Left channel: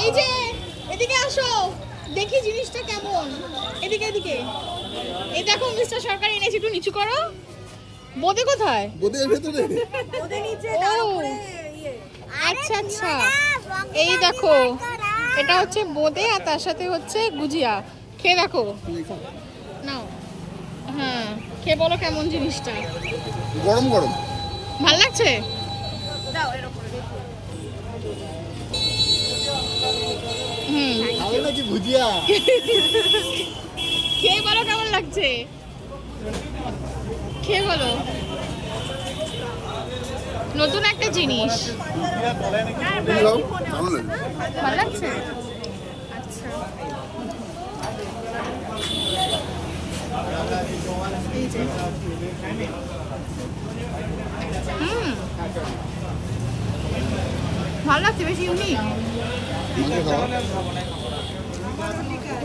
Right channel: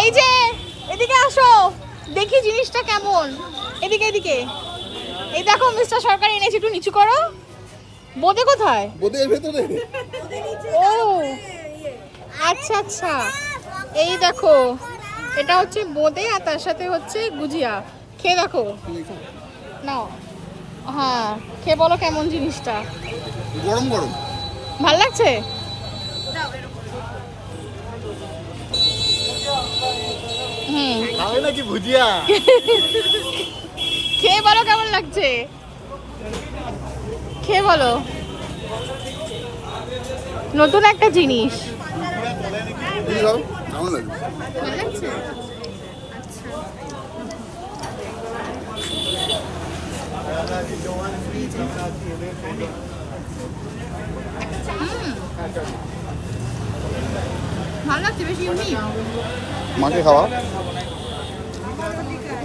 এই যে এদিকে আসো, দেখি জিনিসটা কেমন। এদিকে এদিকে, এই দেখো মিস্টার সরকার এনেছি, একটু নিচু করো। বোঁদে কোথায়? বোদের ভেতরে ও আচ্ছা আচ্ছা, এই দেখো এটা হচ্ছে বোঁদে আর তার সাথে হচ্ছে গুজিয়া। খেয়ে দেখো, নাও। হ্যাঁ, খেয়ে বলো কেমন জিনিসটা। গরম গরম। ভাল লাগছে? হুম, খাবে নাকি ভুজিয়া? খেয়ে বলো কেমন লাগছে, খেয়ে বলো। নতুন একটা জিনিস, এই সব কেমন লাগে? ভালো লাগছে? আচ্ছা, এই যে। হুম, ভালো লাগছে, বেশি ইউনিক। মাকে খাওয়া